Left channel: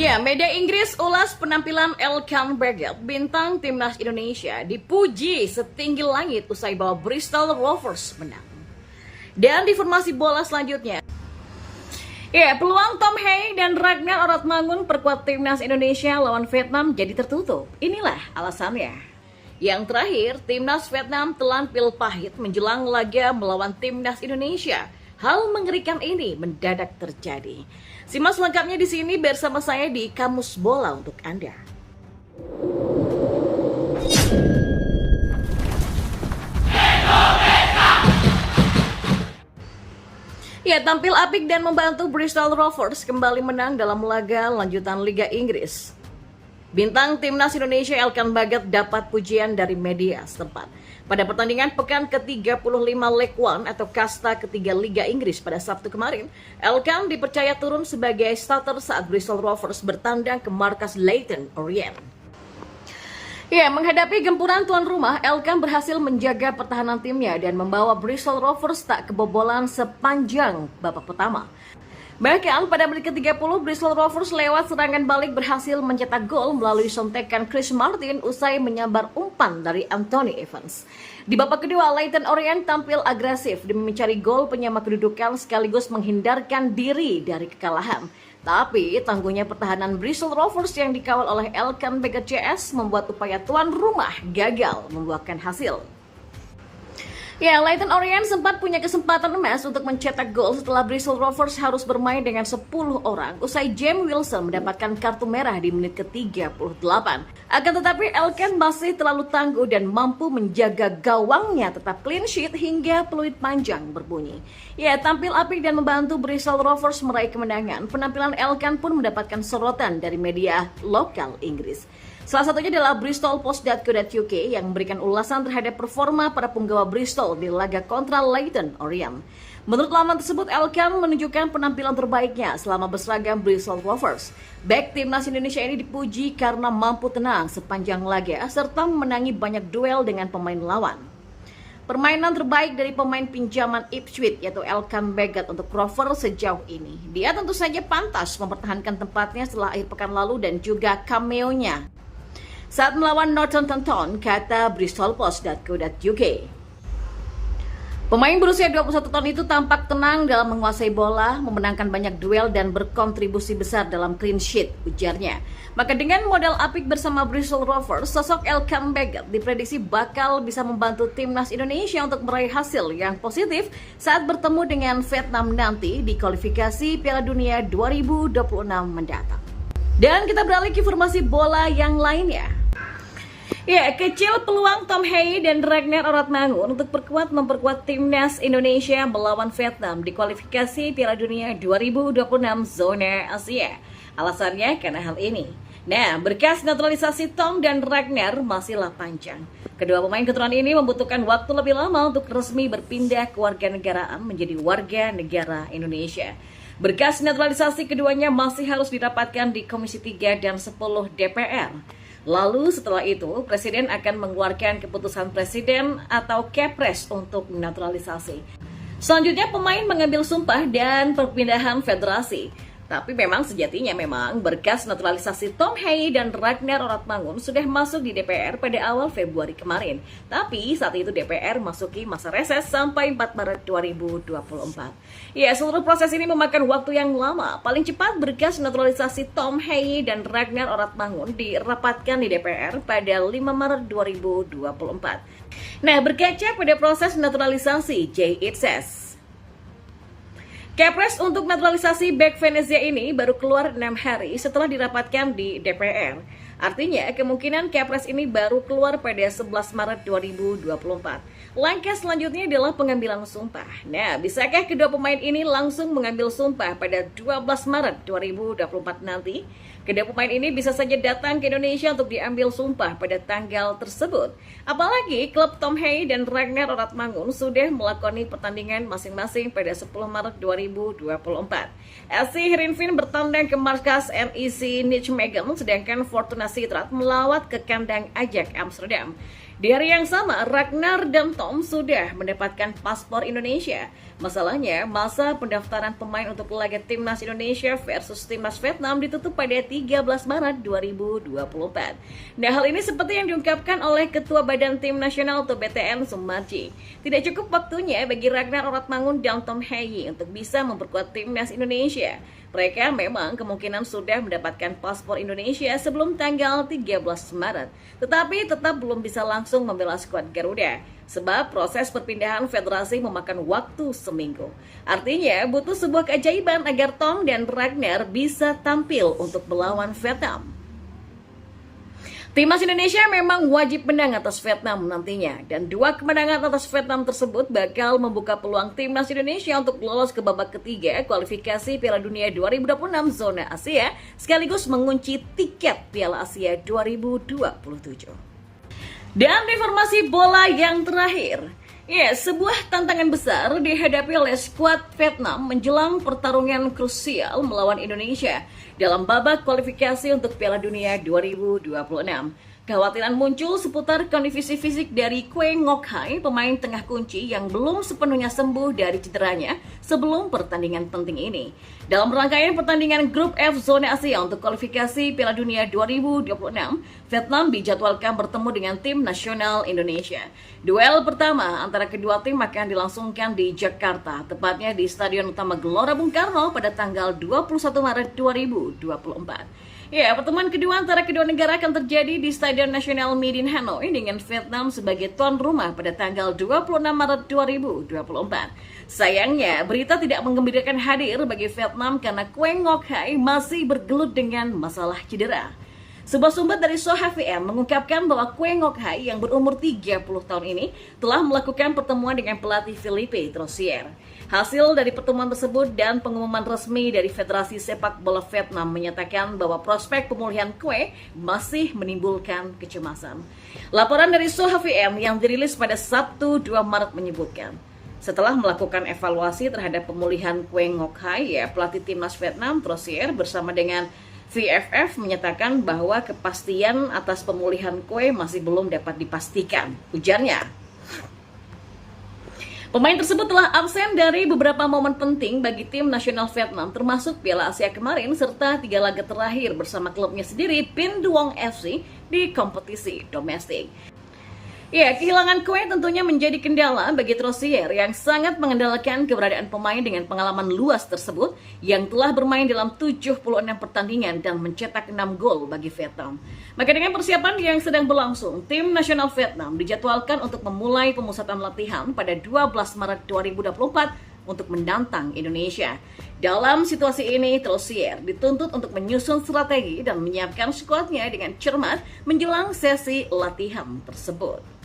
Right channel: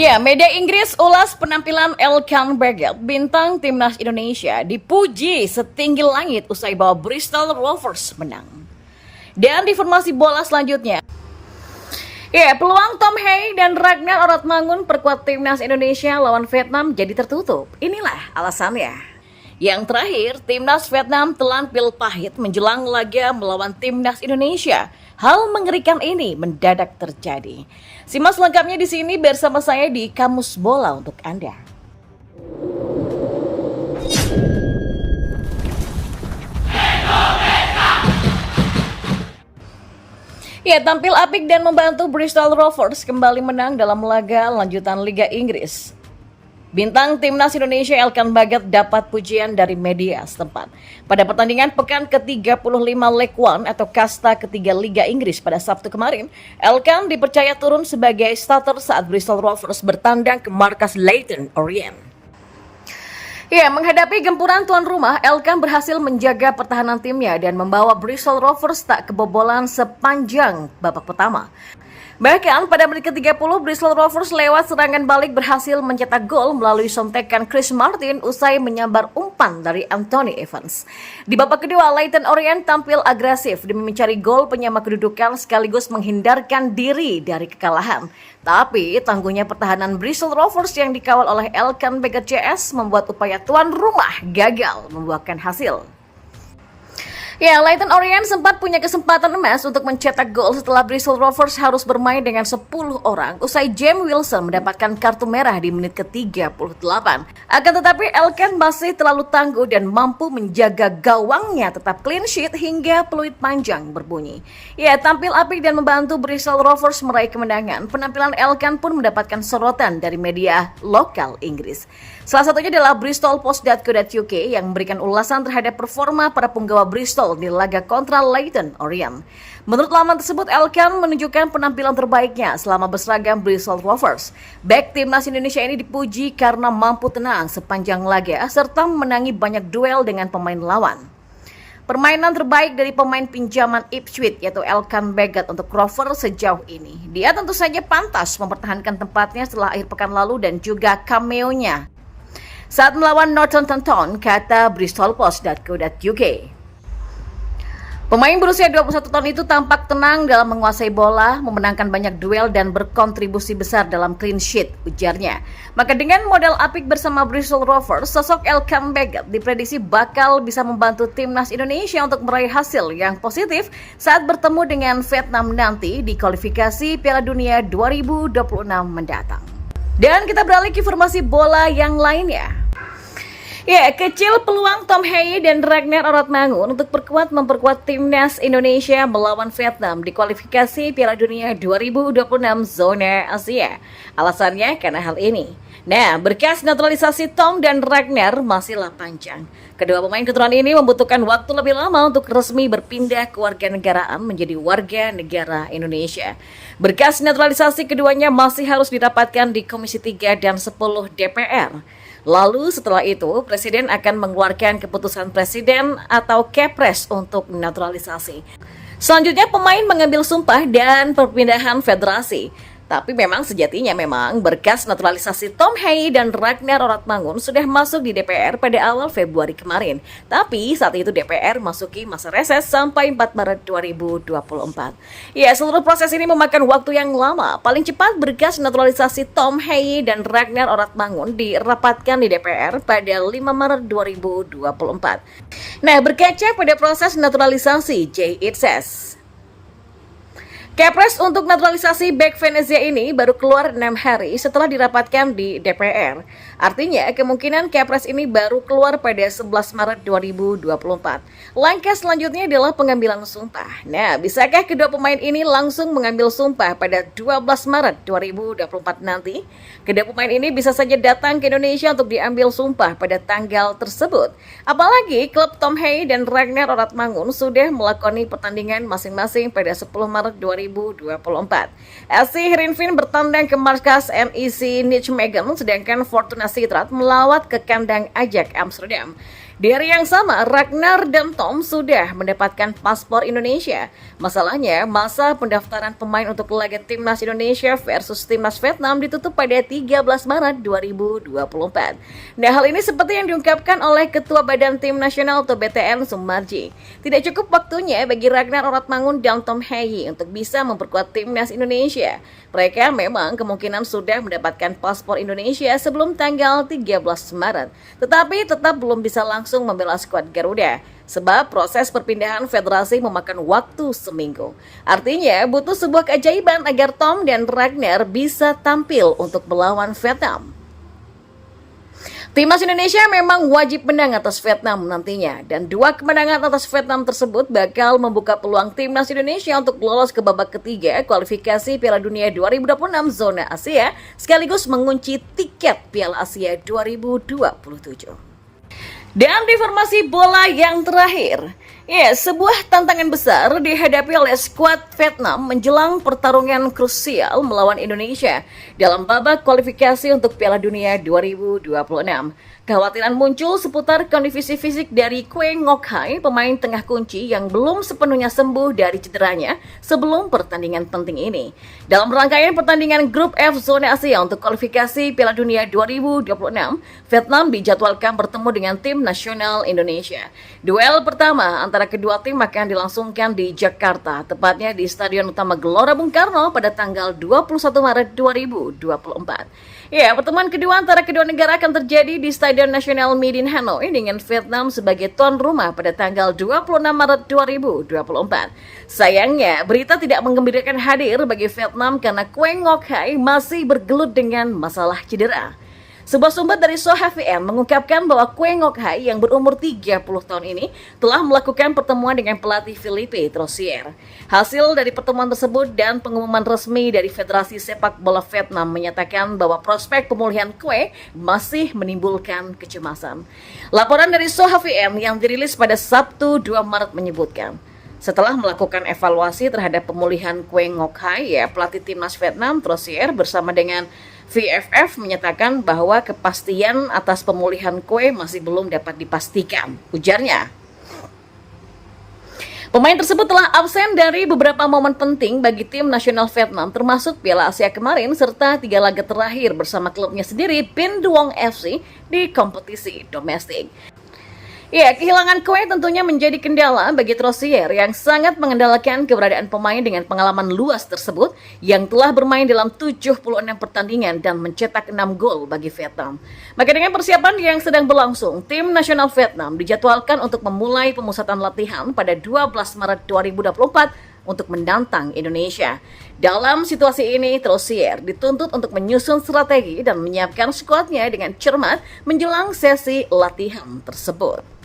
Ya, media Inggris ulas penampilan Elkan Baggett, bintang timnas Indonesia, dipuji setinggi langit usai bawa Bristol Rovers menang. Dan di informasi bola selanjutnya, ya, peluang Tom Hay dan Ragnar Oratmangun perkuat timnas Indonesia lawan Vietnam jadi tertutup. Inilah alasannya. Yang terakhir, timnas Vietnam telan pil pahit menjelang laga melawan timnas Indonesia. Hal mengerikan ini mendadak terjadi. Simak selengkapnya di sini bersama saya di Kamus Bola untuk Anda. Ya, tampil apik dan membantu Bristol Rovers kembali menang dalam laga lanjutan Liga Inggris. Bintang timnas Indonesia Elkan Baggett dapat pujian dari media setempat. Pada pertandingan pekan ke-35 League One atau kasta ketiga Liga Inggris pada Sabtu kemarin, Elkan dipercaya turun sebagai starter saat Bristol Rovers bertandang ke markas Leyton Orient. Ya, menghadapi gempuran tuan rumah, Elkan berhasil menjaga pertahanan timnya dan membawa Bristol Rovers tak kebobolan sepanjang babak pertama. Bahkan pada menit ke-30, Bristol Rovers lewat serangan balik berhasil mencetak gol melalui sontekan Chris Martin usai menyambar umpan dari Anthony Evans. Di babak kedua, Leyton Orient tampil agresif demi mencari gol penyama kedudukan sekaligus menghindarkan diri dari kekalahan. Tapi tangguhnya pertahanan Bristol Rovers yang dikawal oleh Elkan Baggett CS membuat upaya tuan rumah gagal membuahkan hasil. Ya, Leyton Orient sempat punya kesempatan emas untuk mencetak gol setelah Bristol Rovers harus bermain dengan 10 orang usai James Wilson mendapatkan kartu merah di menit ke-38. Akan tetapi Elkan masih terlalu tangguh dan mampu menjaga gawangnya tetap clean sheet hingga peluit panjang berbunyi. Ya, tampil apik dan membantu Bristol Rovers meraih kemenangan. Penampilan Elkan pun mendapatkan sorotan dari media lokal Inggris. Salah satunya adalah bristolpost.co.uk yang memberikan ulasan terhadap performa para punggawa Bristol di laga kontra Leyton Orient. Menurut laman tersebut, Elkan menunjukkan penampilan terbaiknya selama berseragam Bristol Rovers. Bek timnas Indonesia ini dipuji karena mampu tenang sepanjang laga serta memenangi banyak duel dengan pemain lawan. Permainan terbaik dari pemain pinjaman Ipswich yaitu Elkan Baggett untuk Rovers sejauh ini. Dia tentu saja pantas mempertahankan tempatnya setelah akhir pekan lalu dan juga cameo-nya saat melawan Northampton Town, kata bristolpost.co.uk. Pemain berusia 21 tahun itu tampak tenang dalam menguasai bola, memenangkan banyak duel dan berkontribusi besar dalam clean sheet, ujarnya. Maka dengan modal apik bersama Bristol Rovers, sosok Elkan Baggett diprediksi bakal bisa membantu timnas Indonesia untuk meraih hasil yang positif saat bertemu dengan Vietnam nanti di kualifikasi Piala Dunia 2026 mendatang. Dan kita beralih ke informasi bola yang lainnya. Ya, kecil peluang Tom Hay dan Ragnar Oratmangun untuk memperkuat timnas Indonesia melawan Vietnam di kualifikasi Piala Dunia 2026 zona Asia. Alasannya karena hal ini. Nah, berkas naturalisasi Tom dan Ragnar masihlah panjang. Kedua pemain keturunan ini membutuhkan waktu lebih lama untuk resmi berpindah kewarganegaraan menjadi warga negara Indonesia. Berkas naturalisasi keduanya masih harus didapatkan di Komisi 3 dan 10 DPR. Lalu setelah itu, Presiden akan mengeluarkan keputusan Presiden atau Kepres untuk naturalisasi. Selanjutnya, pemain mengambil sumpah dan perpindahan federasi. Tapi memang sejatinya berkas naturalisasi Tom Hay dan Ragnar Oratmangun sudah masuk di DPR pada awal Februari kemarin. Tapi saat itu DPR masuki masa reses sampai 4 Maret 2024. Ya, seluruh proses ini memakan waktu yang lama. Paling cepat berkas naturalisasi Tom Hay dan Ragnar Oratmangun dirapatkan di DPR pada 5 Maret 2024. Nah, berkaca pada proses naturalisasi, It says, Kepres untuk naturalisasi bek Venezia ini baru keluar 6 hari setelah dirapatkan di DPR. Artinya, kemungkinan Kepres ini baru keluar pada 11 Maret 2024. Langkah selanjutnya adalah pengambilan sumpah. Nah, bisakah kedua pemain ini langsung mengambil sumpah pada 12 Maret 2024 nanti? Kedua pemain ini bisa saja datang ke Indonesia untuk diambil sumpah pada tanggal tersebut. Apalagi klub Tom Hay dan Ragnar Oratmangun sudah melakoni pertandingan masing-masing pada 10 Maret 2024. SC Heerenveen bertandang ke markas NEC Nijmegen, sedangkan Fortuna Sittard melawat ke kandang Ajax Amsterdam. Di hari yang sama, Ragnar dan Tom sudah mendapatkan paspor Indonesia. Masalahnya, masa pendaftaran pemain untuk laga Timnas Indonesia versus Timnas Vietnam ditutup pada 13 Maret 2024. Nah, hal ini seperti yang diungkapkan oleh Ketua Badan Tim Nasional atau BTN Sumarji. Tidak cukup waktunya bagi Ragnar Oratmangun dan Tom Heyi untuk bisa memperkuat Timnas Indonesia. Mereka memang kemungkinan sudah mendapatkan paspor Indonesia sebelum tanggal 13 Maret, tetapi tetap belum bisa langsung membela skuad Garuda, sebab proses perpindahan federasi memakan waktu seminggu. Artinya, butuh sebuah keajaiban agar Tom dan Ragnar bisa tampil untuk melawan Vietnam. Timnas Indonesia memang wajib menang atas Vietnam nantinya, dan 2 kemenangan atas Vietnam tersebut bakal membuka peluang Timnas Indonesia untuk lolos ke babak ketiga kualifikasi Piala Dunia 2026 zona Asia, sekaligus mengunci tiket Piala Asia 2027. Dan informasi bola yang terakhir, sebuah tantangan besar dihadapi oleh skuad Vietnam menjelang pertarungan krusial melawan Indonesia dalam babak kualifikasi untuk Piala Dunia 2026. Kekhawatiran muncul seputar kondisi fisik dari Kue Ngoc Hai, pemain tengah kunci yang belum sepenuhnya sembuh dari cederanya sebelum pertandingan penting ini. Dalam rangkaian pertandingan Grup F Zona Asia untuk kualifikasi Piala Dunia 2026, Vietnam dijadwalkan bertemu dengan tim nasional Indonesia. Duel pertama antara kedua tim akan dilangsungkan di Jakarta, tepatnya di Stadion Utama Gelora Bung Karno pada tanggal 21 Maret 2024. Pertemuan kedua antara kedua negara akan terjadi di Stadion Nasional Midin Hanoi dengan Vietnam sebagai tuan rumah pada tanggal 26 Maret 2024. Sayangnya, berita tidak menggembirakan hadir bagi Vietnam karena Kue Ngoc Hai masih bergelut dengan masalah cedera. Sebuah sumber dari Soha VM mengungkapkan bahwa Kue Ngoc Hai yang berumur 30 tahun ini telah melakukan pertemuan dengan pelatih Philippe Troussier. Hasil dari pertemuan tersebut dan pengumuman resmi dari Federasi Sepak Bola Vietnam menyatakan bahwa prospek pemulihan Kue masih menimbulkan kecemasan. Laporan dari Soha VM yang dirilis pada Sabtu 2 Maret menyebutkan, setelah melakukan evaluasi terhadap pemulihan Kue Ngoc Hai, pelatih timnas Vietnam Troussier bersama dengan VFF menyatakan bahwa kepastian atas pemulihan Kue masih belum dapat dipastikan, ujarnya. Pemain tersebut telah absen dari beberapa momen penting bagi tim nasional Vietnam, termasuk Piala Asia kemarin serta 3 laga terakhir bersama klubnya sendiri Pin Duong FC di kompetisi domestik. Kehilangan Kue tentunya menjadi kendala bagi Troussier yang sangat mengandalkan keberadaan pemain dengan pengalaman luas tersebut yang telah bermain dalam 76 pertandingan dan mencetak 6 gol bagi Vietnam. Maka dengan persiapan yang sedang berlangsung, tim nasional Vietnam dijadwalkan untuk memulai pemusatan latihan pada 12 Maret 2024 untuk menantang Indonesia. Dalam situasi ini, Troussier dituntut untuk menyusun strategi dan menyiapkan skuadnya dengan cermat menjelang sesi latihan tersebut.